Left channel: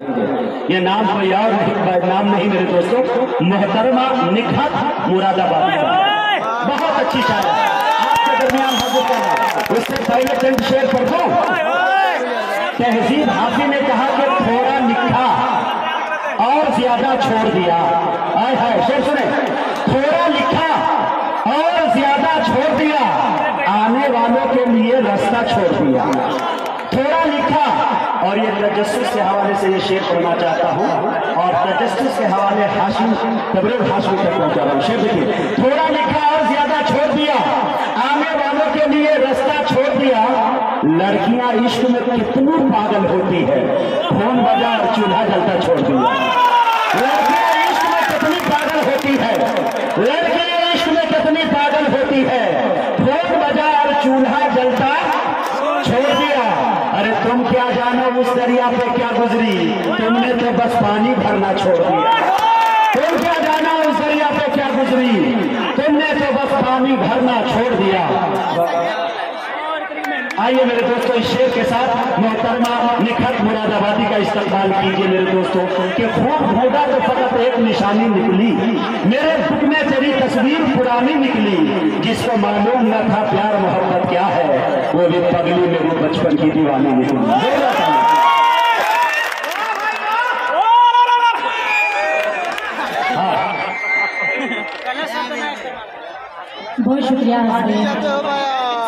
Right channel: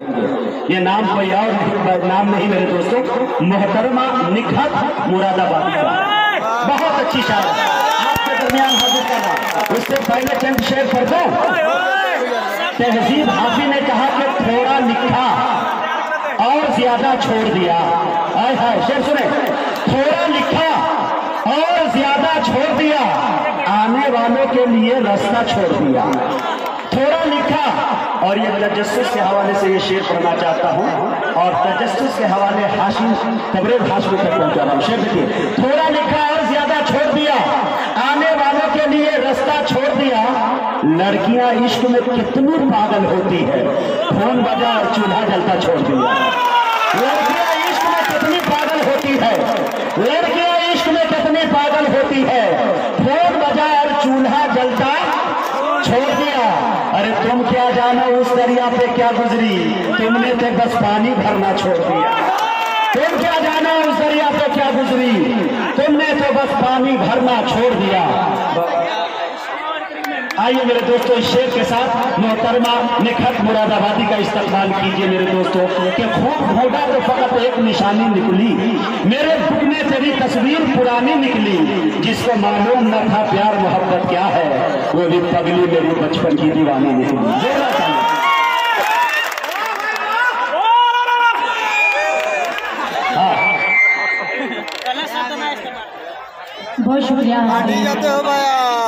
ये नाम कोई और नाम नहीं मेरे दोस्तों, मोहतरमा निखत मुरादाबादी का बहुत अच्छी शायर आपके दरमियान हाजिर कर रहा। उससे पहले चंद शेर पढ़ दो। तहजीब हाफी ने कहा कि थोड़ा लिखा और ज्यादा छोड़ दिया। आए हाय शेर सुने, थोड़ा लिखा और ज्यादा छोड़ दिया, आने वालों के लिए रास्ता छोड़ दिया। थोड़ा लिखा, और ये तजस्सुस के हवाले से ये शेर पढ़ना चाहता हूँ और तजस्सुस के हवाले हाशिम तबरेर हाशिम तक पहुंचा रहा हूँ। शेर देखिए, थोड़ा लिखा और ज्यादा छोड़ दिया, आने वालों के लिए रास्ता छोड़ दिया। लड़कियां इश्क में कितनी पागल होती है, फोन बजा और चूल्हा जलता छोड़ दिया। लड़कियां इश्क में कितनी पागल होती है, लड़कियां इश्क में कितनी पागल होती है, फोन बजा और चूल्हा जलता छोड़ दिया। अरे तुम क्या जानो उस दरिया पे क्या गुजरी, तुमने तो बस पानी भरना छोड़ दिया। तुम क्या जानो उस दरिया पे क्या गुजरी, तुमने तो बस पानी भरना छोड़ दिया। आइए मेरे दोस्तों, इस शेर के साथ मोहतरमा निखत मुरादाबादी का इस्तकबाल कीजिए मेरे दोस्तों। कि खूब ढूंढा तो फकत एक निशानी निकली, मेरे बुक में तेरी तस्वीर पुरानी निकली। जिसको मालूम न था प्यार मोहब्बत क्या है, वो भी पगली मेरी बचपन की दीवानी निकली। बहुत शुक्रिया।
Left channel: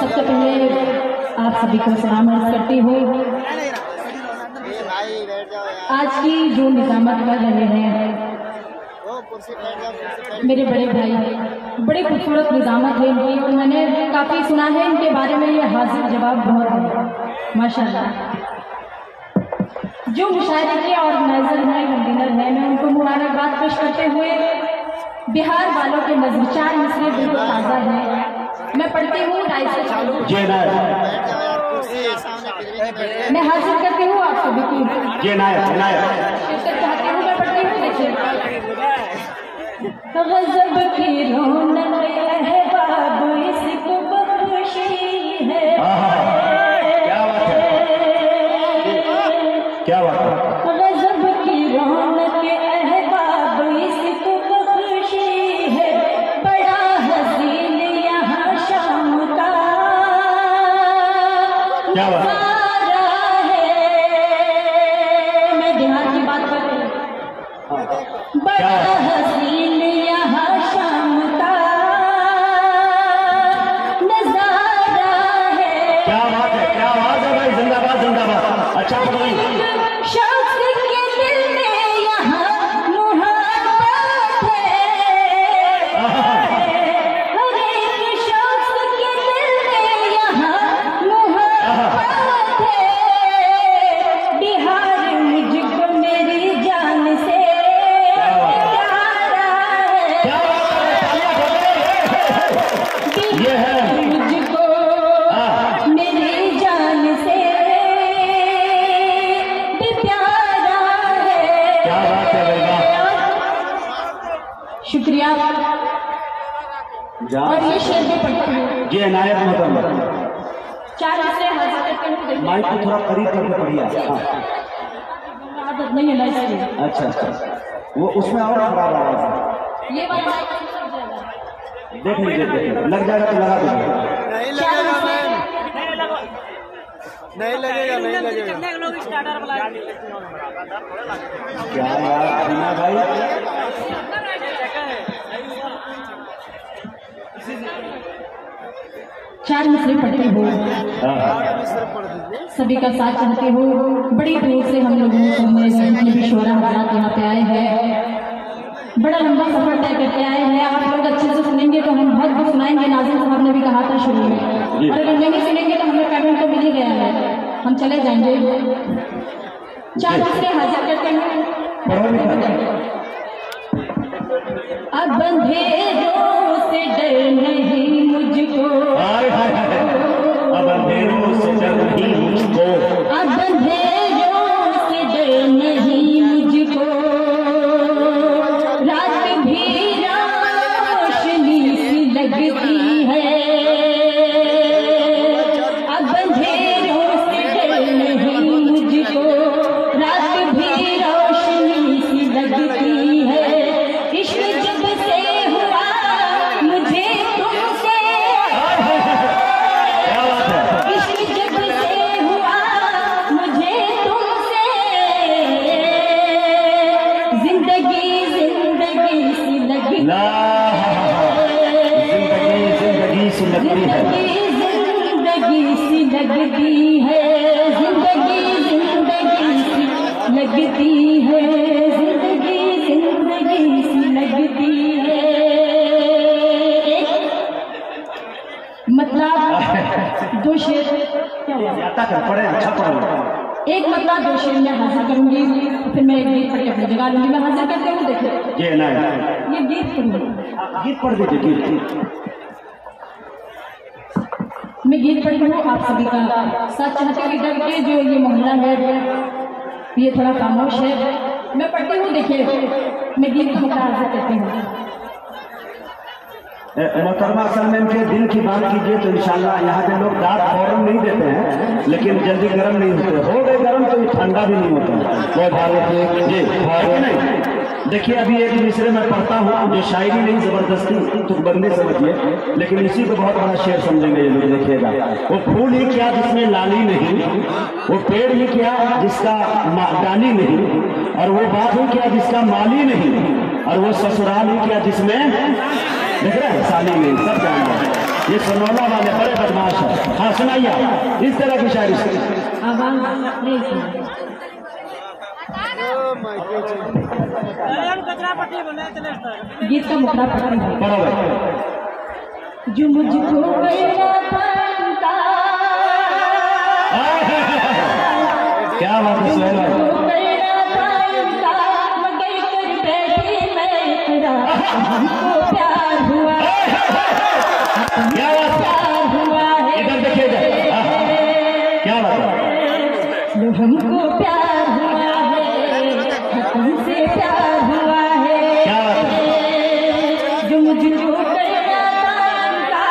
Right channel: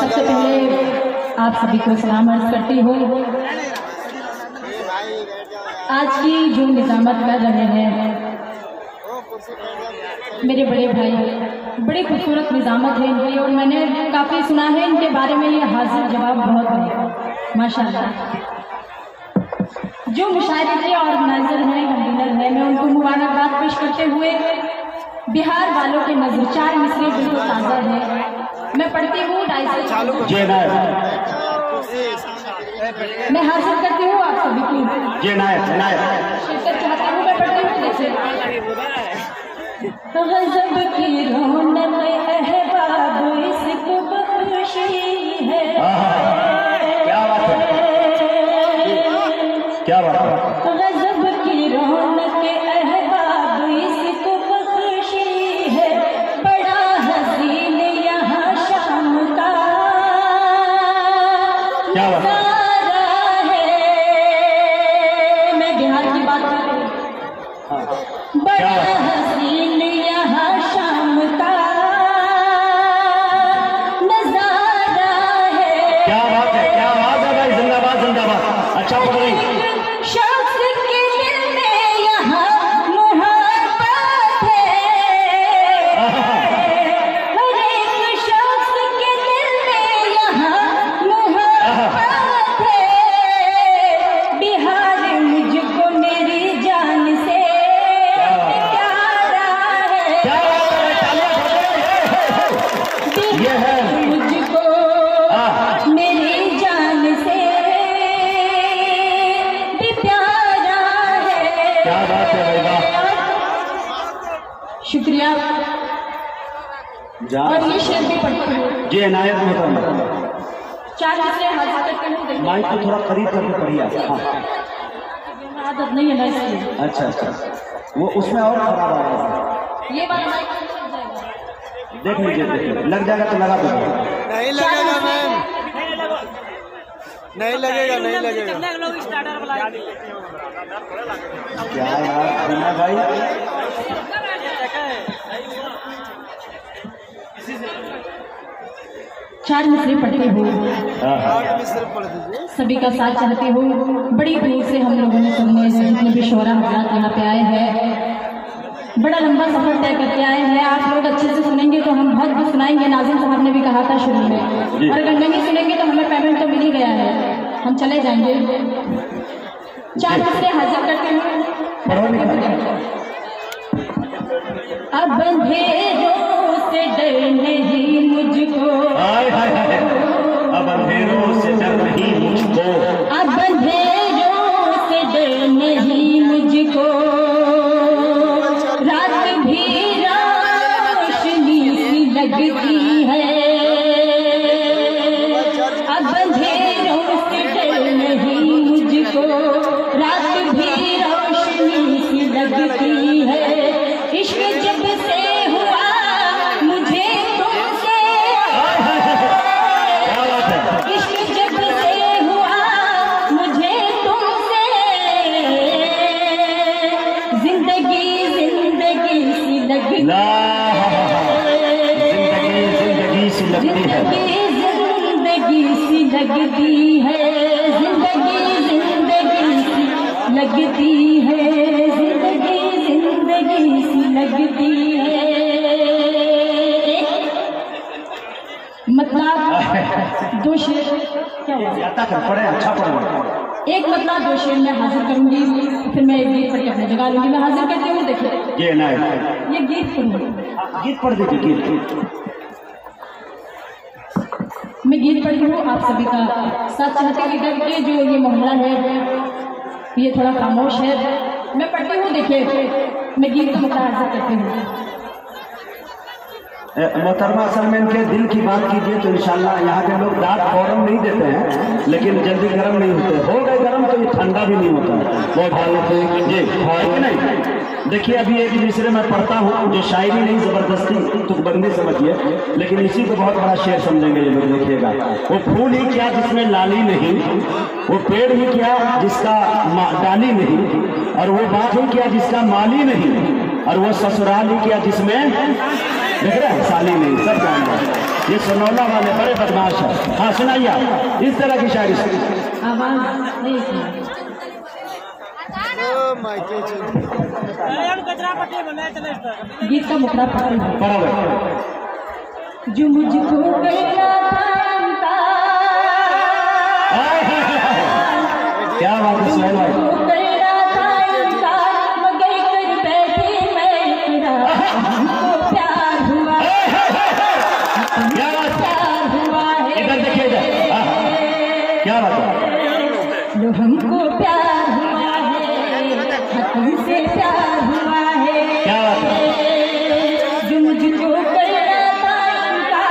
सबसे पहले आप सभी को सलाम अर्ज करती हूँ। आज की जो निजामत कर रहे हैं मेरे बड़े भाई, बड़े खूबसूरत निजामत है इनकी, और मैंने काफ़ी सुना है इनके बारे में। ये हाजिर जवाब बहुत है माशाल्लाह। जो मुशायरे के ऑर्गेनाइजर हैं, कन्वीनर हैं, मैं उनको मुबारकबाद पेश करते हुए बिहार वालों के नजर 4 मिसरे बिल्कुल ताज़ा है। मैं पढ़ती हूँ, मैं हाजिर करती हूँ आप सभी की शिरकत चाहती हूँ। मैं पढ़ती हूँ, जैसे गज़ब की रौनक अहबाब इसको खुशी है। क्या बात है, क्या बात है। गज़ब की रौनक अहबाब इसको खुशी है, बड़ा हसीन यहाँ शाम का नज़ारा है। मैं बिहार की बात कर रही हूँ। बड़ा हसीन यहाँ शाम का नज़ारा है। क्या बात है, क्या बात है भाई, जिंदाबाद जिंदाबाद। अच्छा शख्स के दिल में यहाँ मोहब्बत है, हर एक शख्स के दिल में यहाँ मोहब्बत है। बिहार मुझको मेरी जान से प्यारा है। बिहार मुझको मेरी जान से भी प्यारा है। क्या बात है भाई, शुक्रिया। और ये शेर भी पढ़ती हूँ जी, इनायत मोहतरमा। 4 मिसरे हाजिर करते हुए माइक को थोड़ा करीब करके पढ़िए आप। हाँ, आदत नहीं है ना इसलिए। अच्छा अच्छा, वो उसमें और खराब आवाज है। ये वाला माइक लग जाएगा, देख लीजिए, लग जाएगा तो लगा दीजिए। नहीं लगेगा मैम, नहीं लगेगा, नहीं लगेगा। क्या यार सुना भाई, चार मिसरे पढ़ती हूँ, पढ़ सभी का साथ चाहती हूँ। बड़ी दूर से हम लोगों ने सबने जितने भी शोरा हजरात यहाँ पे आए हैं, बड़ा लंबा सफर तय करके आए हैं। आप लोग अच्छे से सुनेंगे तो हम बहुत कुछ सुनाएंगे। नाज़िम साहब ने भी कहा था शुरू में, और अगर नहीं सुनेंगे तो हमें पेमेंट तो मिल ही गया है, हम चले जाएंगे। 4 मिसरे हाजिर करते हैं। अब अंधेरों से डर नहीं मुझको, अब अंधेरों से डर नहीं मुझको, अब अंधेरों से डर नहीं मुझको, रात भी रोशनी सी लगती है। अब अंधेरों से डर नहीं मुझको, रात भी लगती है जिंदगी जिंदगी सी लगती है। मतलब दो शेर क्या हुआ? पढ़े अच्छा पढ़े। एक मतलब दो शेर में हाजिर करूंगी, फिर मैं एक गीत पढ़ के अपनी जगह लूंगी। मैं हाजिर करती हूँ, देखिए ये ना ये गीत पढ़ूंगी। गीत पढ़ दीजिए गीत। मैं गीत पढ़ी हूँ, आप सभी का साथ चाहती हूँ। इधर के जो ये मोहल्ला है ये थोड़ा खामोश है, मैं पढ़ती हूँ। देखिए मैं गीत का मतलब हाजिर करती हूँ। मोहतरमा असल में इनके दिल की बात कीजिए तो इंशाल्लाह यहाँ के लोग दांत फौरन नहीं देते हैं, लेकिन जल्दी गर्म नहीं होते। हो गए गर्म तो ये ठंडा भी नहीं होता। बहुत जी है कि नहीं? देखिए अभी एक दूसरे में पढ़ता हूँ, जो शायरी नहीं जबरदस्ती तुकबंदी समझिए, लेकिन इसी को बहुत बड़ा शेर समझेंगे ये लोग। देखिएगा, वो फूल ही क्या जिसमें लाली नहीं, वो पेड़ ही क्या जिसका डाली नहीं, और वो बात ही क्या जिसका माली नहीं, और वो ससुराल ही क्या जिसमें देख रहे हैं साली नहीं। सब जान रहे हैं ये सोनौला वाले बड़े बदमाश है। हाँ सुनाइए इस तरह की शायरी। आवाज नहीं सुना। गीत का मुखड़ा पढ़ा है। जो मुझको कहना था क्या बात है सोनौला जो हमको प्यार हुआ है तुमसे प्यार हुआ है। जो मुझको करना था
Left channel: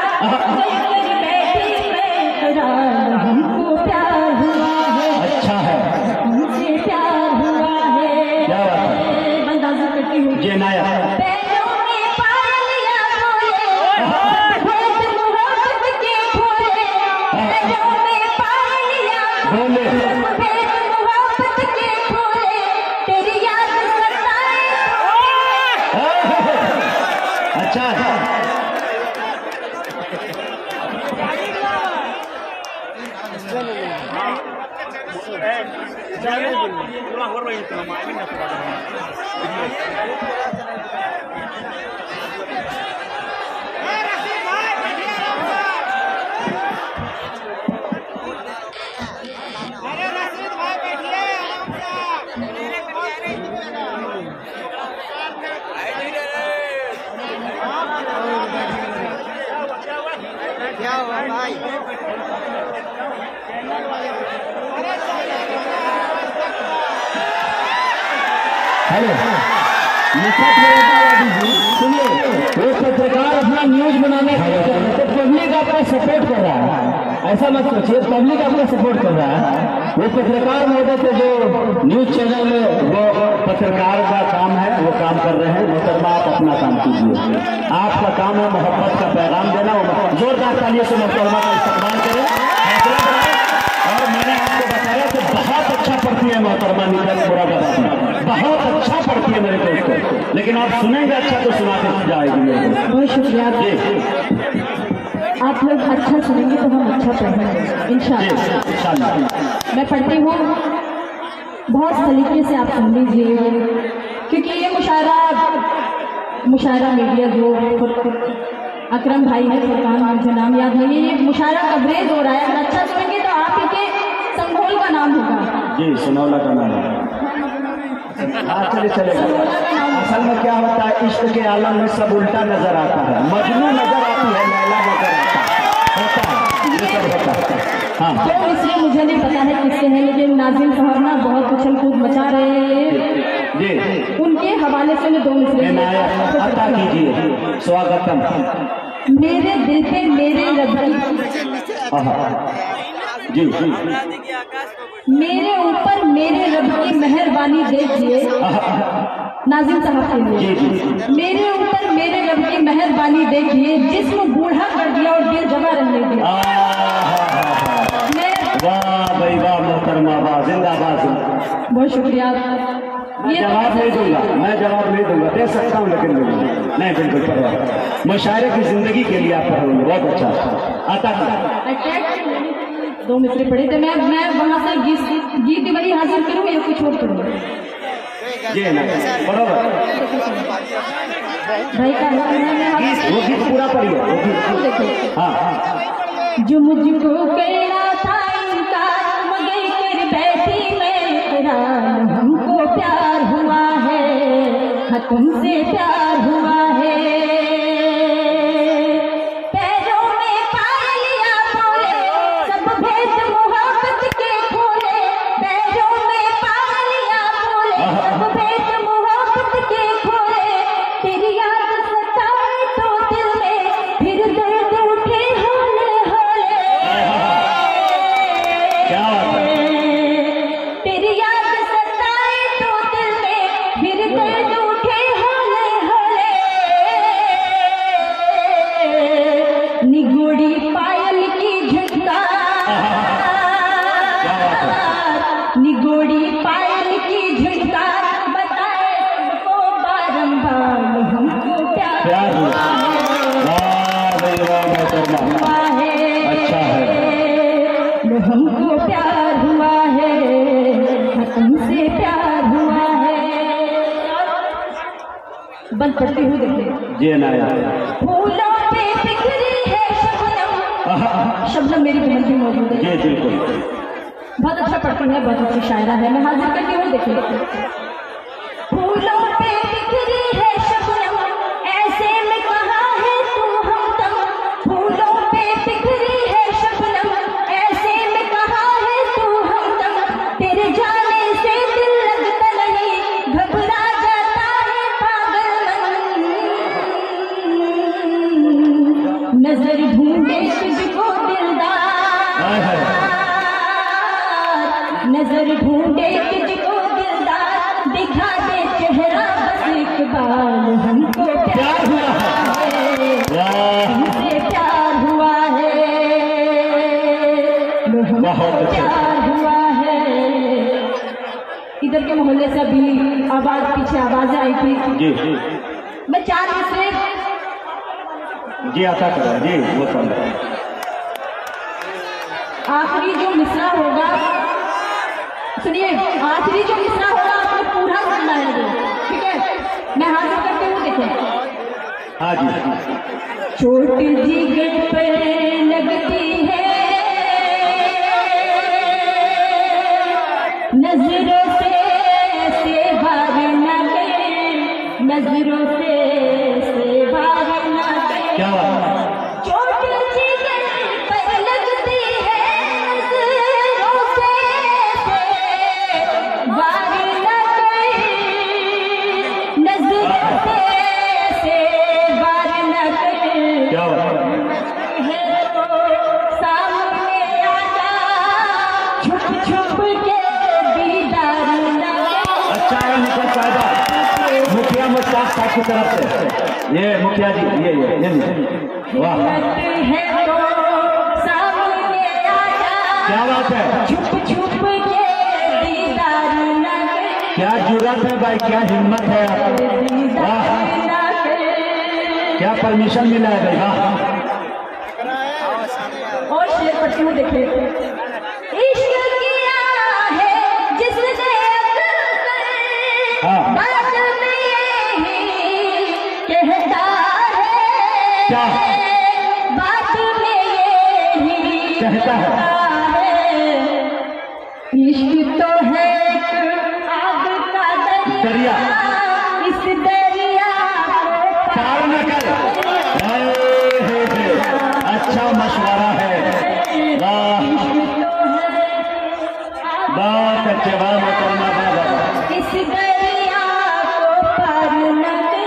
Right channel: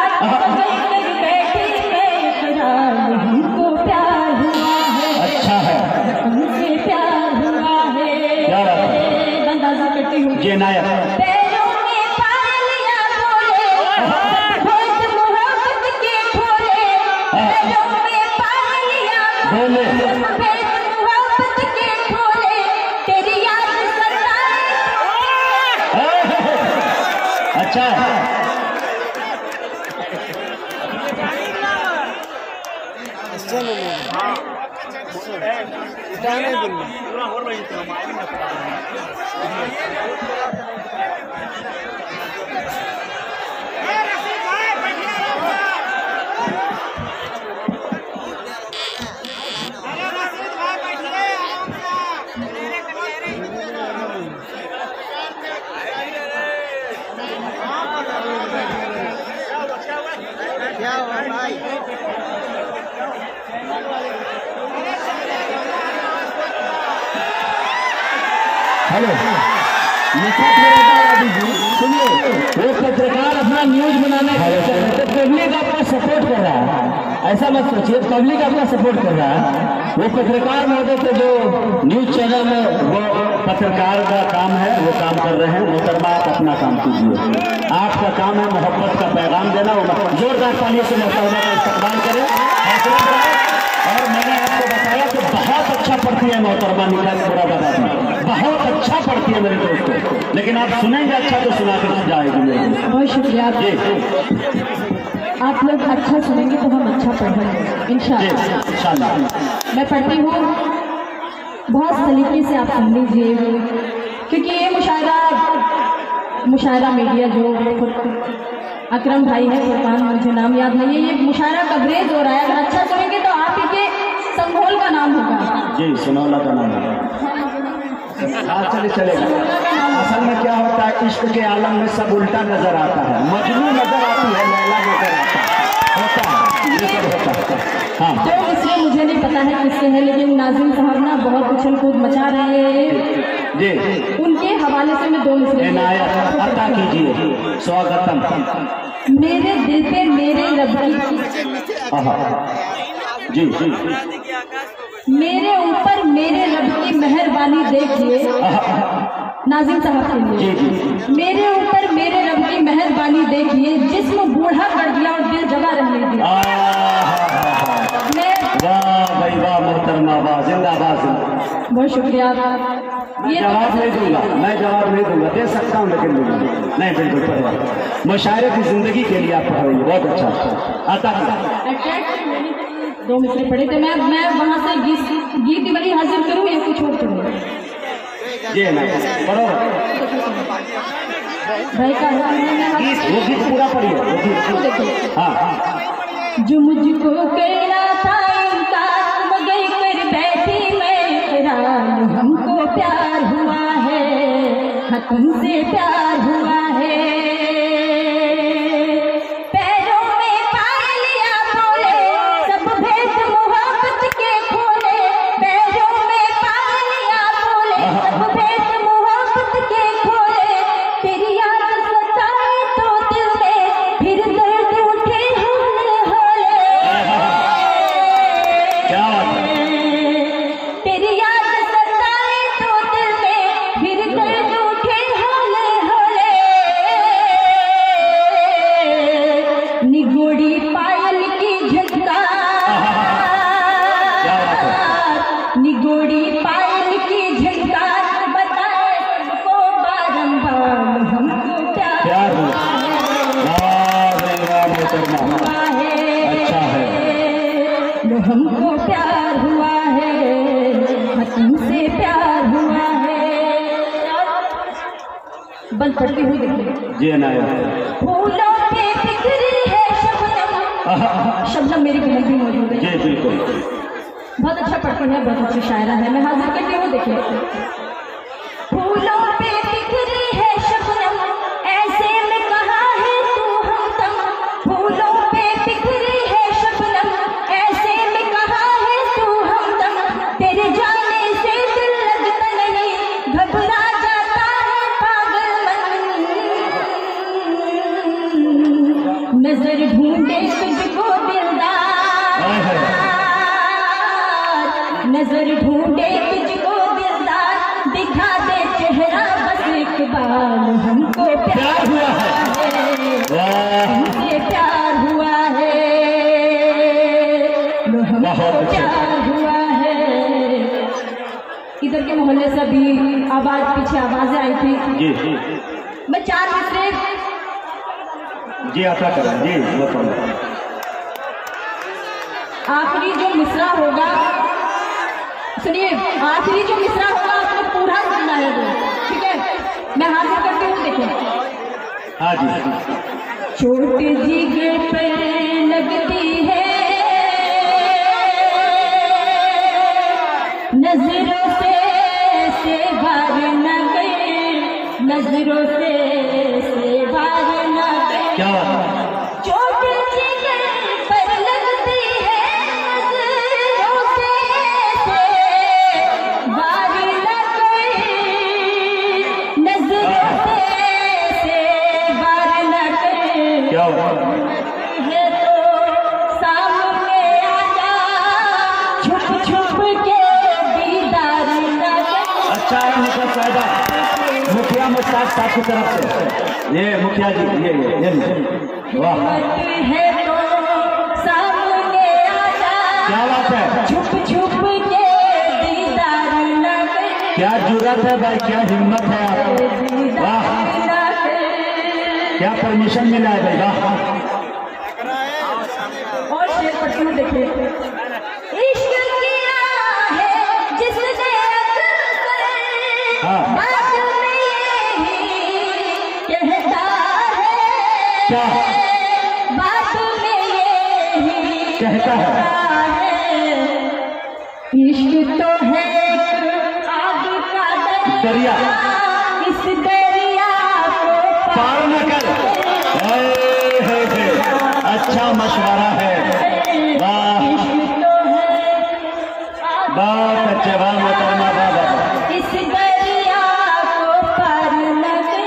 बैठी मैं करार, हमको प्यार हुआ है। अच्छा है तुमसे प्यार हुआ है। अंदाजा करती हूँ जी नाया पैरों में पायलिया बोले मोहब्बत के खोले, पैरों में पायलिया बोले मोहब्बत के खोले, तेरी याद सताए। अच्छा है। हेलो सुनिए, वो पत्रकार अपना न्यूज बनाने तो पब्लिक आपका सपोर्ट कर रहा है, ऐसा मत सोचिए। पब्लिक आपका सपोर्ट कर रहा है। वो पत्रकार महोदय के जो न्यूज चैनल में वो पत्रकार का काम है, वो काम कर रहे हैं। मोहतरमा आप अपना काम कीजिए। आपका काम है मोहब्बत का पैगाम देना। जोरदार तालियों से मोहतरमा का इस्तेमाल करें। और मैंने आपको बताया कि बहुत अच्छा पढ़ती है मोहतरमा निखात मुरादाबाद में, बहुत अच्छा पढ़ती है मेरे दोस्तों। लेकिन आप सुनेंगे अच्छा तो सुना के जाएगी मेरे दोस्त। बहुत शुक्रिया। आप लोग अच्छा सुनेंगे तो हम अच्छा पढ़ेंगे इंशाल्लाह। मैं पढ़ती हूँ, बहुत सलीके से आप सुन लीजिए, क्योंकि ये मुशायरा मीडिया जो अकरम भाई है, फुरकान मुझे नाम याद नहीं है, ये मुशायरा कवरेज हो रहा है। अगर अच्छा सुनेंगे तो आप ही के संघोल का नाम होगा। जी सोनौला का नाम है। हाँ चलेगा। असल में क्या होता है, इश्क के आलम में सब उल्टा नजर आता है। मजनू नजर आती है, लैला नजर आता है, होता है। हाँ तो इसलिए मुझे नहीं पता है किससे है, लेकिन नाज़िम साहब ना बहुत उछल कूद मचा रहे हैं जी। उनके हवाले से मैं दो मिसरे अता कीजिए। स्वागतम। मेरे दिल पे मेरे रब की जी मेरे ऊपर मेरे रब की मेहरबानी देखिए। नाज़िम साहब के लिए मेरे ऊपर मेरे रब की मेहरबानी देखिए, जिस्म बूढ़ा कर दिया और दिल जवा रहने दिया। वाह भाई वाह मोहतरमा, वाह जिंदाबाद। बहुत शुक्रिया। मैं जवाब नहीं दूंगा, दे सकता हूँ लेकिन नहीं, बिल्कुल पढ़िया। मुशायरे की जिंदगी के लिए आप पढ़ रही है, बहुत अच्छा। आता 2 मिसरे पढ़े तो मैं वहाँ से गीत वाली हाजिर करूँ या कुछ और करूँ? जी ना, बराबर। भाई का वो गीत पूरा पढ़िए, वो गीत। देखिए, हाँ। जो मुझको कहना था इनकार मगर कर बैठी मैं हैरान, हमको प्यार हुआ है, हाँ तुमसे प्यार हुआ है। पैरों में पायलिया बोले सब भेद मोहब्बत के खोले, पैरों में पायलिया बोले सब भेद मोहब्बत के खोले। तेरी याद सताए तो दिल में फिर दर्द उठे होले होले। तेरी याद सताए तो दिल में फिर दर्द उठे होले होले। निगोड़ी पायल की झनकार, निगोड़ी पायल की झनकार बताए सबको बारंबार हमको प्यार हुआ है, अच्छा है। लो हमको प्यार हुआ है, हाँ तुमसे प्यार हुआ है। बल पढ़ती हूँ देखिए। जी ना, फूलों पे बिखरी है शबनम, शबनम मेरी बहन भी मौजूद है। जी बिल्कुल। बहुत अच्छा पढ़ती है, बहुत अच्छी शायरा है। मैं हाजिर करती हूँ देखिए। फूलों पे बिखरी है शबनम ऐसे में कहा है तू हमदम, फूलों पे बिखरी है शबनम ऐसे में कहा है तू हमदम। तेरे जाने से दिल लगता नहीं, घबरा जाता है पागल मन। नजर ढूंढे तुझको दिलदार, नजर ढूंढे तुझको दिलदार, दिखा दे चेहरा बस एक बार, हमको प्यार हुआ है, हमसे प्यार हुआ है, लो हमको प्यार हुआ है। इधर के मोहल्ले से भी आवाज, पीछे आवाजें आई थी। जी मैं 4 मिसरे जी आता करें जी। आखिरी जो मिसरा होगा, सुनिए, आखिरी जो मिसरा होगा आपको पूरा सुनना है वो, ठीक है? मैं हाजिर करती हूँ देखिए। हाँ जी। चोट जिगर पर लगती है नजरों से वार न गए, नजरों से वार न गए। क्या चोट जिगर पर लगती है नजरों से वार न गए, नजरों से वार न गए। क्या है तो सामने आजा, छुप छुप के दीदार न दे। अच्छा है मुखिया साहिबा, मुखिया मुश्ताक साहब की तरफ से ये मुखिया जी, ये वाह, है तो सामने आजा, क्या बात है। छुप छुप के दीदार न दे। क्या जुर्रत है भाई, क्या हिम्मत है आप, वाह, क्या परमिशन मिला है भाई, वाह। और शेर पढ़ती हूँ देखिए। इश्क किया है जिसने अक्ल से, हाँ। बात में यही कहता क्या है, बात में यही कहता है। इश्क तो है एक आग का दरिया, इस दरिया को पार न कर। अच्छा मशवरा है, वाह, बहुत अच्छे, वाह मोहतरमा, वाह। इस दरिया को पार न कर,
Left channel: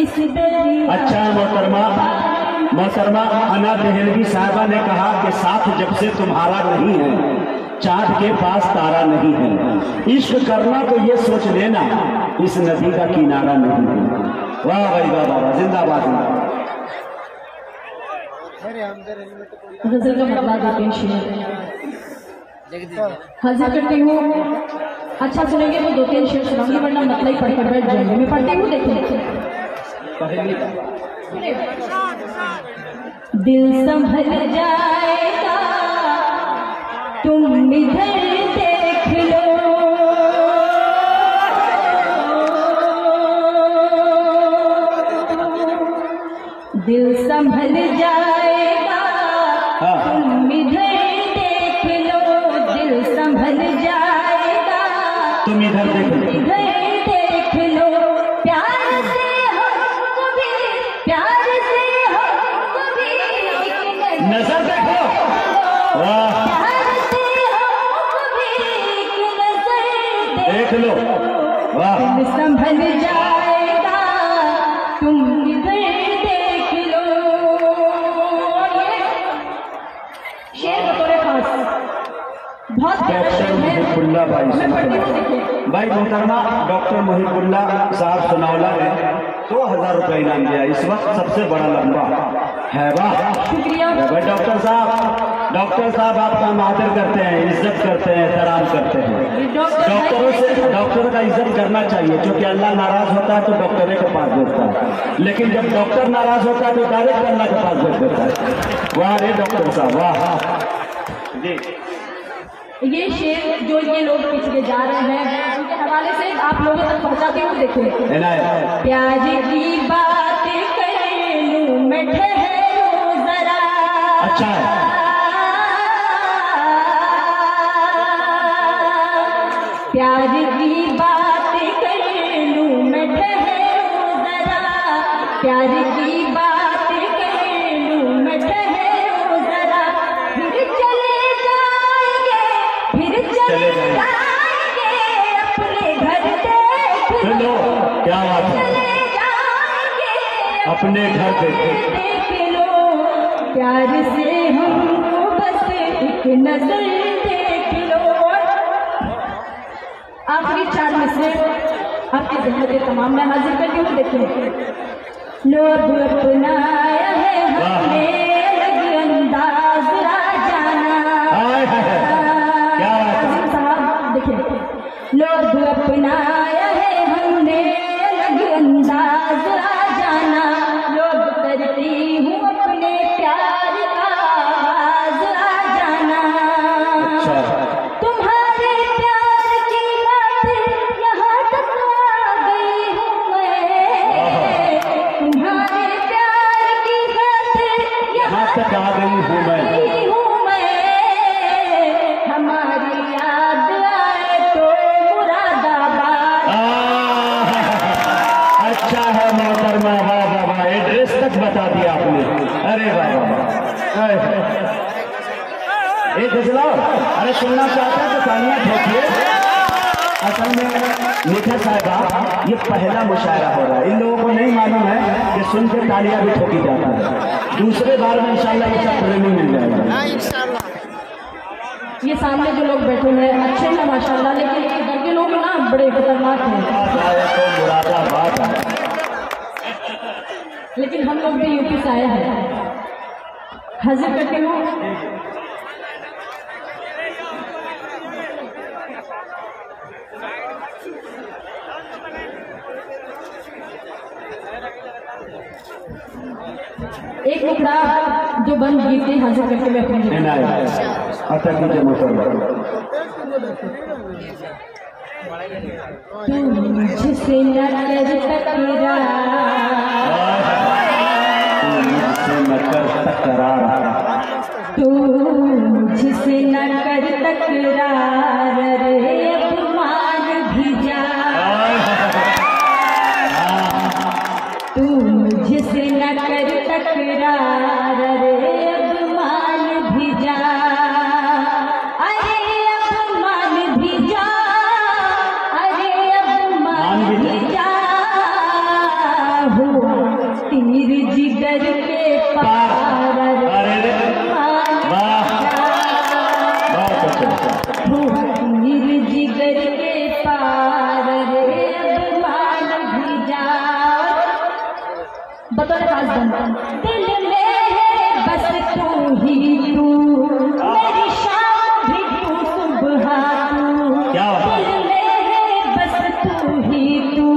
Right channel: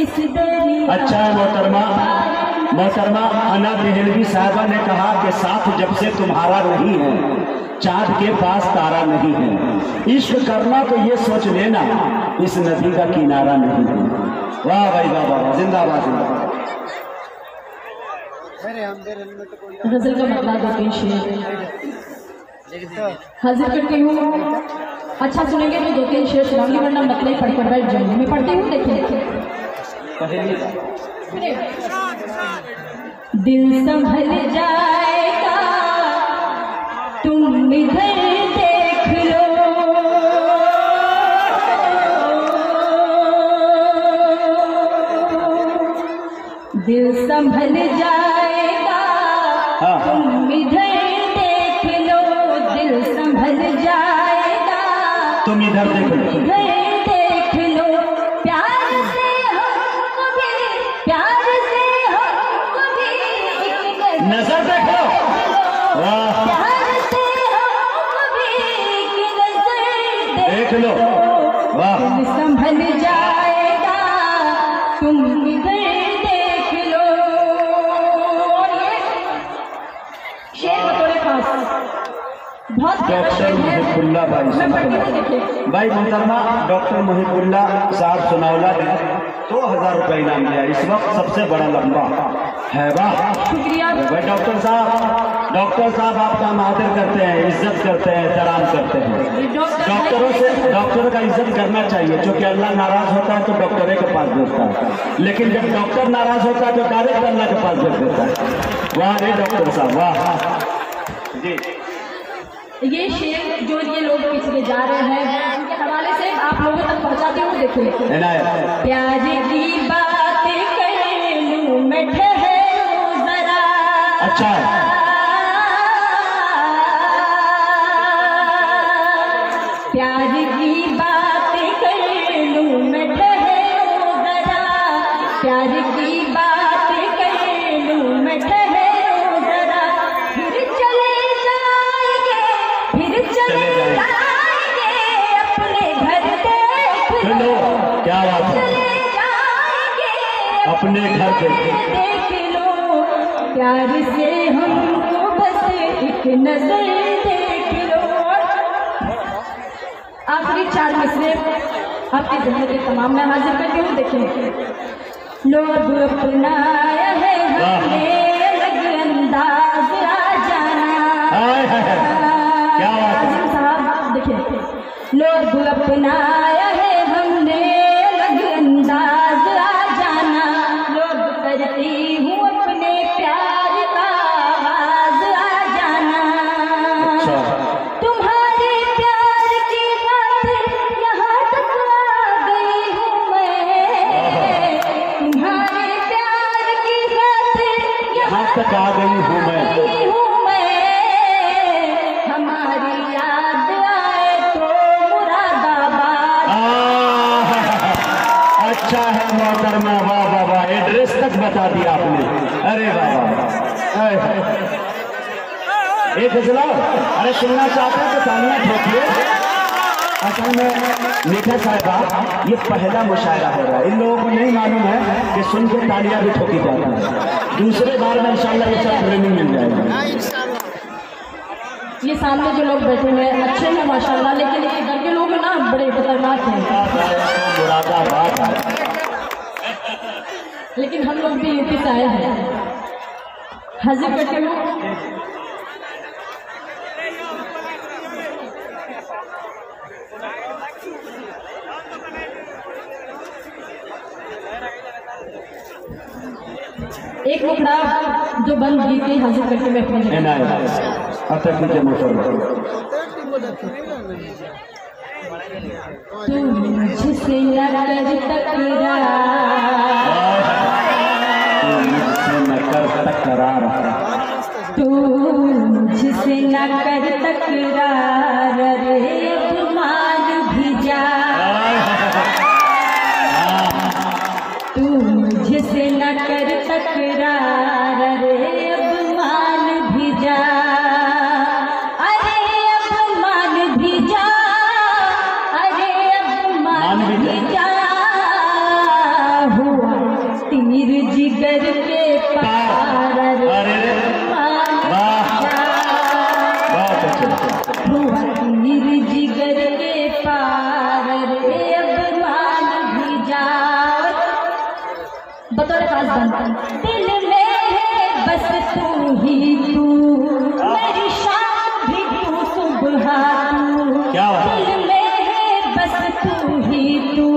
इस दरिया। अच्छा है मोहतरमा, मोहतरमा अना देहलवी साहबा ने कहा कि साथ जब से तुम्हारा नहीं है, चांद के पास तारा नहीं है। इश्क करना तो ये सोच लेना इस नदी का किनारा नहीं है। वाह भाई वाह वाह, जिंदाबाद जिंदाबाद। गजल का मतलब 2-3 शेर हाजिर करती हूँ। अच्छा सुनेंगे तो 2-3 शेर सुनाऊंगी, वरना मतलब ही पढ़ के बैठ जाएंगे। मैं पढ़ती हूँ देखिए। पहली दिल संभल जाएगा तुम इधर देख लो, दिल संभल जाएगा। तुम इधर देख लो, दिल संभल जाएगा। तुम इधर देख लो, इधर देख लो, प्यार से हमको भी, प्यार से हमको भी एक नजर देखो। वाह, प्यार से हमको भी एक नजर देख लो। वाह, दिल संभल जाएगा। तुम इधर देख लो। और ये शेर बतौर खास बहुत डॉक्टर मुहिबुल्लाह भाई मैं पढ़ती हूँ, देखिए। भाई मोहतरमा डॉक्टर मुहिबुल्लाह साहब सुनौला ने 2000 रुपये इनाम दिया। इस वक्त सबसे बड़ा लंबा है। वाह, शुक्रिया। भाई डॉक्टर साहब आपका हम आदर करते हैं, इज्जत करते हैं, एहतराम करते हैं। डॉक्टरों से डॉक्टर का इज्जत करना चाहिए, क्योंकि अल्लाह नाराज होता है तो डॉक्टरों के पास भेजता है, लेकिन जब डॉक्टर नाराज होता है तो डायरेक्ट अल्लाह के पास भेज देता है। वाह रे डॉक्टर साहब, वाह जी। ये शेर जो ये लोग पिछले जा रहे हैं उनके हवाले से आप लोगों तक पहुंचाती हूँ। देखिए, प्यार की बात कर लूं मैं, ठहरो जरा। अच्छा है। प्यार की बात कर लूं मैं, ठहरो जरा। प्यार की बात कर लूं मैं, ठहरो जरा। फिर चले जाएंगे, फिर चले जाएंगे अपने घर देख लो। क्या बात है, चले जाएंगे अपने घर देख लो। प्यार से हमको बस एक नजर देख लो। आखिरी 4 मिसरे आपकी जहमत तमाम मैं हाजिर करती हूँ। देखिए, लोग अपनाया है हमने अलग अंदाज आ जाना। क्या बात है साहब, देखिए, लोग अपनाया है हमने अलग अंदाज आ जाना। लोग करती हूँ अपने प्यार का आवाज आ जाना। तुम्हारे प्यार की बात यहाँ तक आ गई हूँ मैं। तुम्हारे प्यार की बात यहाँ तक आ गई हूँ मैं। हमारी याद आए तो मुरादाबाद। अच्छा है मोहतरमा, वाह वाह वाह, एड्रेस तक बता दिया आपने। अरे वाह वाह, एक गजला अरे सुनना चाहते हैं तो तालियां ठोकिए। असल में मीठा साहिबा ये पहला मुशायरा हो रहा है, इन लोगों को नहीं मालूम है कि सुन के तालियां भी ठोकी जाती है। दूसरे बार में इंशाल्लाह ये सब ट्रेनिंग मिल जाएगा। ये सामने जो लोग बैठे हैं अच्छे हैं माशाल्लाह, लेकिन इधर के लोग ना बड़े खतरनाक हैं। तो मुरादाबाद है, लेकिन हम लोग भी यूपी से आए हैं। हाजिर करती हूँ एक मुखड़ा जो बंद गीत हाजिर करके मैं अपने तू मुझसे न कर तकरार, तू मुझसे न कर तकरार रे अपमान भी जा। तू मुझसे न कर तकरार रे अपमान भी जा। अरे अपमान भी जा, अरे अपमान भी जा। हुआ तीर जिगर के पार रे हुआ तीर जिगर के पार रे अपमान भी जा। बतौर खास बंद दिल में है बस तू ही तू, मेरी शाम भी तू सुबह तू। दिल में है बस तू ही तू,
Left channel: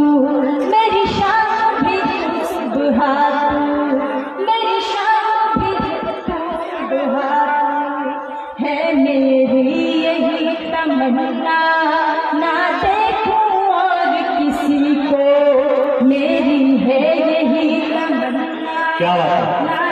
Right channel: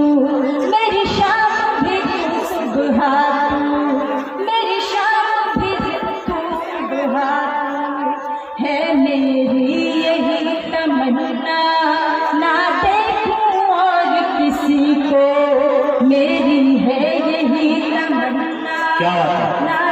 मेरी शाम भी तू सुबह तू। मेरी शाम वरना ना देखूं और किसी को, मेरी है यही तमन्ना। क्या बात है।